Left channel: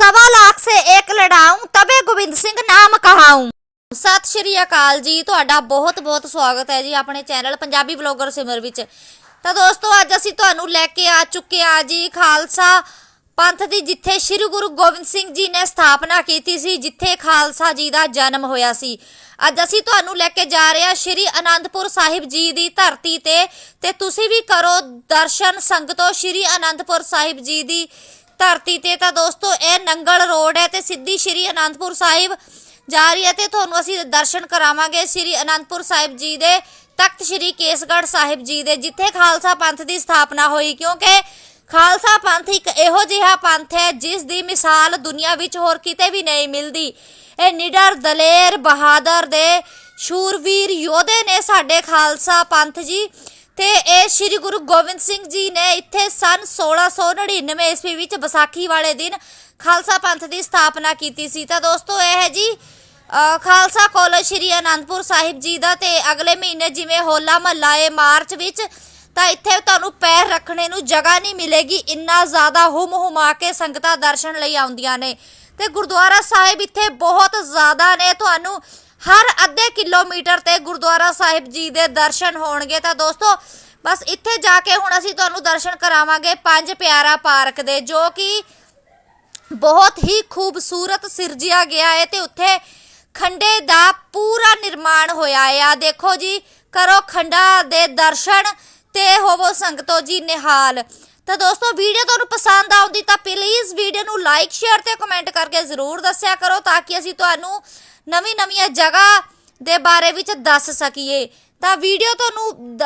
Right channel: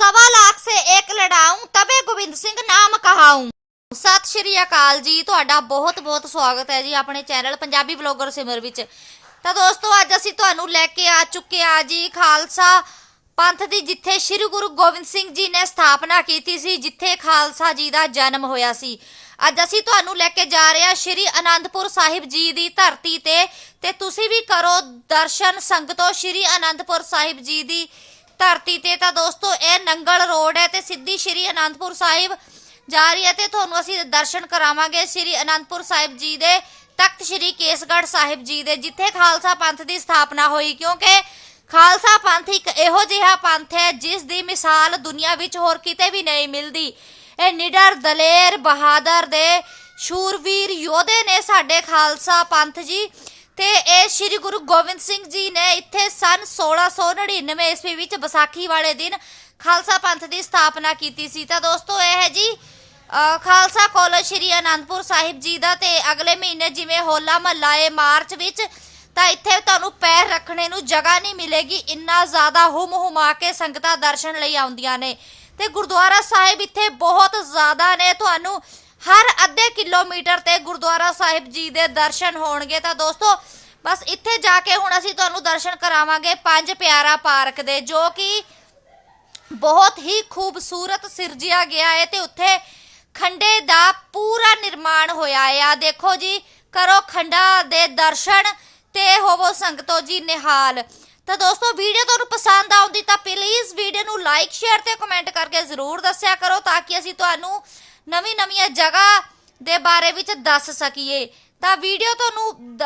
ਸਵਾ ਲੱਖ ਸੇ ਇੱਕ ਲੜਾਉਂ, ਤਬੇ ਗੋਬਿੰਦ ਸਿੰਘ ਨਾਮ ਕਹਾਉਂ। ਸਤਿ ਸ਼੍ਰੀ ਅਕਾਲ ਜੀ, ਤੁਹਾਡਾ ਬਹੁਤ-ਬਹੁਤ ਸਵਾਗਤ ਹੈ ਜੀ ਆਪਣੇ ਚੈਨਲ ਪੰਜਾਬੀ ਬਲੌਗਰ ਸਿਮਰ ਵਿੱਚ। ਤਾਂ ਦੋਸਤੋ, ਅੱਜ ਅਸੀਂ ਤੁਹਾਨੂੰ ਲੈ ਕੇ ਆ ਚੁੱਕੇ ਆ ਜੀ ਖਾਲਸਾ ਪੰਥ ਦੀ, ਜਿੱਥੇ ਸ੍ਰੀ ਗੁਰੂ ਗੋਬਿੰਦ ਸਿੰਘ ਜੀ ਨੇ ਸਥਾਪਨਾ ਕੀਤੀ ਸੀ, ਜਿੱਥੇ ਖਾਲਸਾ ਜੀ ਦਾ ਜਨਮ ਹੋਇਆ ਸੀ। ਅੱਜ ਅਸੀਂ ਤੁਹਾਨੂੰ ਲੈ ਕੇ ਜਾ ਰਹੇ ਹਾਂ ਸ੍ਰੀ ਅਨੰਦਪੁਰ ਸਾਹਿਬ ਜੀ ਦੀ ਧਰਤੀ ਤੇ ਤੇ ਤੁਸੀਂ ਵੀ ਕਰੋ ਦਰਸ਼ਨ ਸੰਗਤੋ ਸ੍ਰੀ ਅਨੰਦਪੁਰ ਸਾਹਿਬ ਜੀ ਦੀ ਧਰਤੀ ਤੇ ਤਾਂ ਦੋਸਤੋ ਇਹ ਨੰਗਲ ਰੋਡ ਹੈ ਤੇ ਸਿੱਧੀ ਸ਼੍ਰੀ ਅਨੰਦਪੁਰ ਸਾਹਿਬ ਜਾ ਰਹੀ ਹੈ ਤੇ ਤੁਹਾਨੂੰ ਅਸੀਂ ਦਰਸ਼ਨ ਕਰਾਵਾਂਗੇ ਸ਼੍ਰੀ ਅਨੰਦਪੁਰ ਸਾਹਿਬ ਜੀ ਦੇ ਤਖਤ ਸ਼੍ਰੀ ਕੇਸਗੜ੍ਹ ਸਾਹਿਬ ਜੀ ਦੇ, ਜਿੱਥੇ ਖਾਲਸਾ ਪੰਥ ਦੀ ਸਥਾਪਨਾ ਹੋਈ। ਕਿਉਂਕਿ ਖਾਲਸਾ ਪੰਥ ਇੱਕ ਇਹੋ ਜਿਹਾ ਪੰਥ ਹੈ ਜਿਸ ਦੀ ਮਿਸਾਲ ਦੁਨੀਆ ਵਿੱਚ ਹੋਰ ਕਿਤੇ ਵੀ ਨਹੀਂ ਮਿਲਦੀ। ਇਹ ਨਿਡਰ, ਦਲੇਰ, ਬਹਾਦਰ ਦੇ ਸ਼ੂਰਵੀਰ ਯੋਧੇ ਨੇ ਸਾਡੇ ਖਾਲਸਾ ਪੰਥ ਜੀ। ਤੇ ਇਹ ਸ੍ਰੀ ਗੁਰੂ ਗੋਬਿੰਦ ਸਿੰਘ ਜੀ ਨੇ ਇੱਥੇ ਸਨ 1699 ਈਸਵੀ ਵਿੱਚ ਵਿਸਾਖੀ ਵਾਲੇ ਦਿਨ ਖਾਲਸਾ ਪੰਥ ਦੀ ਸਥਾਪਨਾ ਕੀਤੀ ਸੀ। ਤਾਂ ਦੋਸਤੋ, ਇਹ ਹੈ ਜੀ ਖਾਲਸਾ ਕਾਲਜ ਸ੍ਰੀ ਅਨੰਦਪੁਰ ਸਾਹਿਬ ਜੀ ਦਾ ਤੇ ਅਗਲੇ ਮਹੀਨੇ ਜਿਵੇਂ ਹੋਲਾ ਮਹੱਲਾ ਏ ਮਾਰਚ ਵਿੱਚ, ਤਾਂ ਇੱਥੇ ਤੁਹਾਨੂੰ ਪੈਰ ਰੱਖਣੇ ਨੂੰ ਜਗ੍ਹਾ ਨਹੀਂ ਮਿਲੇਗੀ। ਇੰਨਾ ਜ਼ਿਆਦਾ ਹੁਮ ਹੁਮਾ ਕੇ ਸੰਗਤਾਂ ਦਰਸ਼ਨ ਲਈ ਆਉਂਦੀਆਂ ਨੇ। ਤੇ ਗੁਰਦੁਆਰਾ ਸਾਹਿਬ ਇੱਥੇ ਬਹੁਤ ਜ਼ਿਆਦਾ ਨੇ। ਤੁਹਾਨੂੰ ਹਰ ਅੱਧੇ ਕਿਲੋਮੀਟਰ ਤੇ ਗੁਰਦੁਆਰਾ ਸਾਹਿਬ ਜੀ ਦੇ ਦਰਸ਼ਨ ਹੋਣਗੇ। ਤਾਂ ਦੋਸਤੋ, ਬਸ ਇੱਥੇ ਜਾ ਕੇ ਹੁਣ ਅਸੀਂ ਤੁਹਾਨੂੰ ਦਰਸ਼ਨ ਕਰਾਵਾਂਗੇ ਪੰਜ ਪਿਆਰਾ ਪਾਰਕ ਦੇ, ਜੋ ਕਿ ਬਹੁਤ ਹੀ ਖੂਬਸੂਰਤ ਸਿਰਜਿਆ ਗਿਆ ਹੈ ਤੇ ਉੱਥੇ ਖੰਡੇ ਦਾ ਪੂਰਾ ਨਿਰਮਾਣ ਹੋਇਆ ਆ ਦੇਖੋ ਜੀ ਕਰੋ ਖੰਡਾ ਦੇ ਦਰਸ਼ਨ ਤੇ ਹੋਵੋ ਸੰਗਤੋ ਜੀ ਨਿਹਾਲ। ਤਾਂ ਦੋਸਤੋ ਵੀਡੀਓ ਤੁਹਾਨੂੰ ਪਸੰਦ ਆਉਂਦੀ ਤਾਂ ਪਲੀਜ਼ ਵੀਡੀਓ ਨੂੰ ਲਾਈਕ ਸ਼ੇਅਰ ਤੇ ਕਮੈਂਟ ਕਰਕੇ ਜ਼ਰੂਰ ਦੱਸਿਆ ਕਰੋ ਤਾਂ ਕਿ ਅਸੀਂ ਤੁਹਾਨੂੰ ਨਵੀਂ ਨਵੀਆਂ ਜਗ੍ਹਾ ਦੇ ਬਾਰੇ ਵਿੱਚ ਦੱਸ ਸਕੀਏ। ਤਾਂ ਵੀਡੀਓ ਤੁਹਾਨੂੰ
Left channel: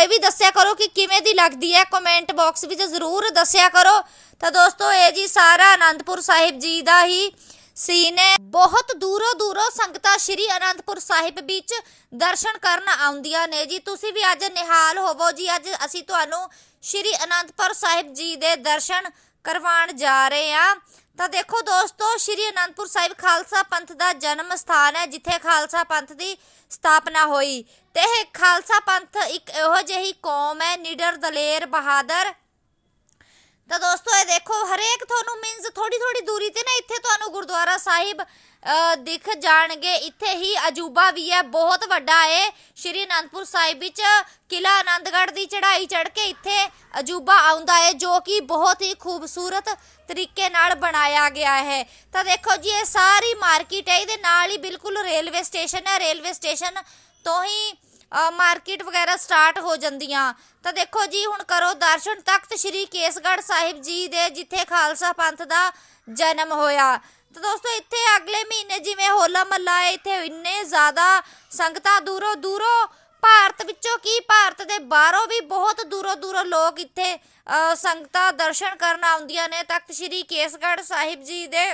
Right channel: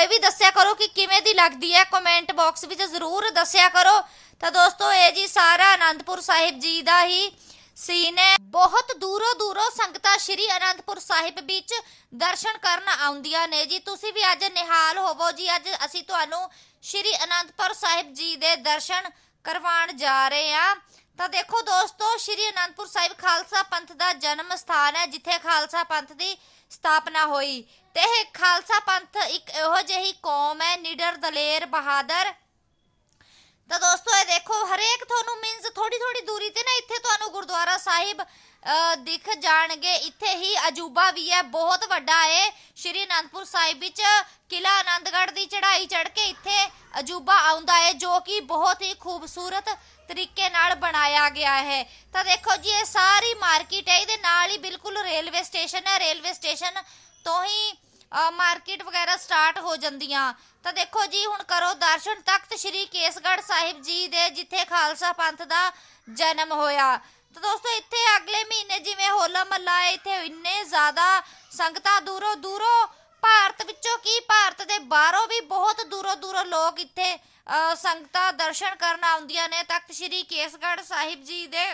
ਇਹ ਵੀ ਦੱਸਿਆ ਕਰੋ ਕਿ ਕਿਵੇਂ ਦੀ ਲੱਗਦੀ ਹੈ। ਕਮੈਂਟ ਬਾਕਸ ਵਿੱਚ ਜ਼ਰੂਰ ਦੱਸਿਆ ਕਰੋ। ਤਾਂ ਦੋਸਤੋ, ਇਹ ਜੀ ਸਾਰਾ ਆਨੰਦਪੁਰ ਸਾਹਿਬ ਜੀ ਦਾ ਹੀ ਸੀਨ ਹੈ। ਬਹੁਤ ਦੂਰੋਂ ਦੂਰੋਂ ਸੰਗਤਾਂ ਸ਼੍ਰੀ ਅਨੰਦਪੁਰ ਸਾਹਿਬ ਵਿੱਚ ਦਰਸ਼ਨ ਕਰਨ ਆਉਂਦੀਆਂ ਨੇ। ਜੀ, ਤੁਸੀਂ ਵੀ ਅੱਜ ਨਿਹਾਲ ਹੋਵੋ। ਜੀ, ਅੱਜ ਅਸੀਂ ਤੁਹਾਨੂੰ ਸ਼੍ਰੀ ਅਨੰਦਪੁਰ ਸਾਹਿਬ ਜੀ ਦੇ ਦਰਸ਼ਨ ਕਰਵਾਉਣ ਜਾ ਰਹੇ ਹਾਂ। ਤਾਂ ਦੇਖੋ ਦੋਸਤੋ, ਸ਼੍ਰੀ ਅਨੰਦਪੁਰ ਸਾਹਿਬ ਖਾਲਸਾ ਪੰਥ ਦਾ ਜਨਮ ਸਥਾਨ ਹੈ, ਜਿੱਥੇ ਖਾਲਸਾ ਪੰਥ ਦੀ ਸਥਾਪਨਾ ਹੋਈ। ਤੇ ਇਹ ਖਾਲਸਾ ਪੰਥ ਇੱਕ ਇਹੋ ਜਿਹੀ ਕੌਮ ਹੈ, ਨਿਡਰ ਦਲੇਰ ਬਹਾਦਰ। ਤਾਂ ਦੋਸਤੋ ਹਰੇਕ ਤੁਹਾਨੂੰ ਮੀਨਸ ਥੋੜੀ ਥੋੜੀ ਦੂਰੀ ਤੇ ਨਾ ਇੱਥੇ ਤੁਹਾਨੂੰ ਗੁਰਦੁਆਰਾ ਸਾਹਿਬ ਦਿਖ ਜਾਣਗੇ। ਇੱਥੇ ਹੀ ਅਜੂਬਾ ਵੀ ਹੈ, ਬਹੁਤ ਵੱਡਾ ਹੈ ਸ਼੍ਰੀ ਅਨੰਦਪੁਰ ਸਾਹਿਬ ਵਿੱਚ ਕਿਲਾ ਆਨੰਦਗੜ੍ਹ ਦੀ ਚੜ੍ਹਾਈ ਚੜ੍ਹ ਕੇ ਇੱਥੇ ਅਜੂਬਾ ਆਉਂਦਾ ਹੈ ਜੋ ਕਿ ਬਹੁਤ ਹੀ ਖੂਬਸੂਰਤ ਤਰੀਕੇ ਨਾਲ ਬਣਾਇਆ ਗਿਆ ਹੈ। ਤਾਂ ਦੇਖੋ ਜੀ, ਇਹ ਸਾਰੀ ਮਾਰਕੀਟ ਹੈ, ਇਹਦੇ ਨਾਲ ਹੀ ਬਿਲਕੁਲ ਰੇਲਵੇ ਸਟੇਸ਼ਨ ਹੈ। ਰੇਲਵੇ ਸਟੇਸ਼ਨ ਤੋਂ ਹੀ ਮਾਰਕੀਟ ਵਗੈਰਾ ਸਟਾਰਟ ਹੋ ਜਾਂਦੀਆਂ। ਤਾਂ ਦੇਖੋ ਜੀ, ਹੁਣ ਕਰੋ ਦਰਸ਼ਨ ਤਖਤ ਸ੍ਰੀ ਕੇਸਗੜ੍ਹ ਸਾਹਿਬ ਜੀ ਦੇ, ਜਿੱਥੇ ਖਾਲਸਾ ਪੰਥ ਦਾ ਜਨਮ ਹੋਇਆ। ਤਾਂ ਦੋਸਤੋ, ਇੱਥੇ ਅਗਲੇ ਮਹੀਨੇ ਜਿਵੇਂ ਹੋਲਾ ਮਹੱਲਾ ਹੈ, ਇੱਥੇ ਇੰਨੇ ਜ਼ਿਆਦਾ ਸੰਗਤਾਂ ਦੂਰੋਂ ਦੂਰੋਂ ਭਾਰਤ ਵਿੱਚੋਂ ਕੀ ਭਾਰਤ ਦੇ ਬਾਹਰੋਂ ਵੀ ਬਹੁਤ ਦੂਰੋਂ ਦੂਰੋਂ ਲੋਕ ਇੱਥੇ ਸੰਗਤਾਂ ਦਰਸ਼ਨ ਕਰਨ ਆਉਂਦੀਆਂ ਨੇ ਤਖਤ ਸ੍ਰੀ ਕੇਸਗੜ੍ਹ ਸਾਹਿਬ ਜੀ ਦੇ।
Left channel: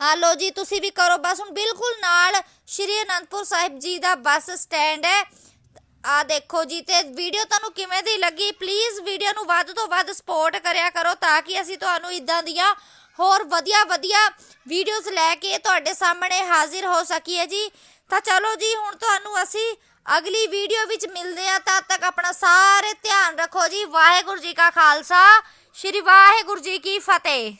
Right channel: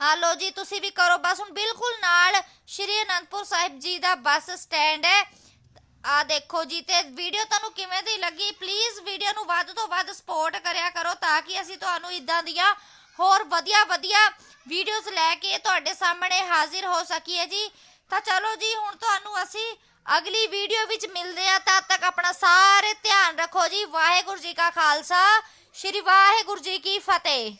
ਆ ਲੋ ਜੀ, ਤੁਸੀਂ ਵੀ ਕਰੋ, ਬਸ ਹੁਣ ਬਿਲਕੁਲ ਨਾਲ ਸ਼੍ਰੀ ਅਨੰਦਪੁਰ ਸਾਹਿਬ ਜੀ ਦਾ ਬੱਸ ਸਟੈਂਡ ਹੈ। ਆ ਦੇਖੋ ਜੀ, ਤੇ ਵੀਡੀਓ ਤੁਹਾਨੂੰ ਕਿਵੇਂ ਦੀ ਲੱਗੀ? ਪਲੀਜ਼ ਵੀਡੀਓ ਨੂੰ ਵੱਧ ਤੋਂ ਵੱਧ ਸਪੋਰਟ ਕਰਿਆ ਕਰੋ ਤਾਂ ਕਿ ਅਸੀਂ ਤੁਹਾਨੂੰ ਇਦਾਂ ਦੀਆਂ ਹੋਰ ਵਧੀਆ ਵਧੀਆ ਵੀਡੀਓਜ਼ ਲੈ ਕੇ ਤੁਹਾਡੇ ਸਾਹਮਣੇ ਹਾਜ਼ਰ ਹੋ ਸਕੀਏ ਜੀ। ਤਾਂ ਚਲੋ ਜੀ, ਹੁਣ ਤੁਹਾਨੂੰ ਅਸੀਂ ਅਗਲੀ ਵੀਡੀਓ ਵਿੱਚ ਮਿਲਦੇ ਆ ਤਦ ਤੱਕ ਆਪਣਾ ਸਾਰੇ ਧਿਆਨ ਰੱਖੋ ਜੀ। ਵਾਹਿਗੁਰੂ ਜੀ ਕਾ ਖਾਲਸਾ। ਸ਼੍ਰੀ ਵਾਹਿਗੁਰੂ ਜੀ ਕੀ ਫਤਿਹ।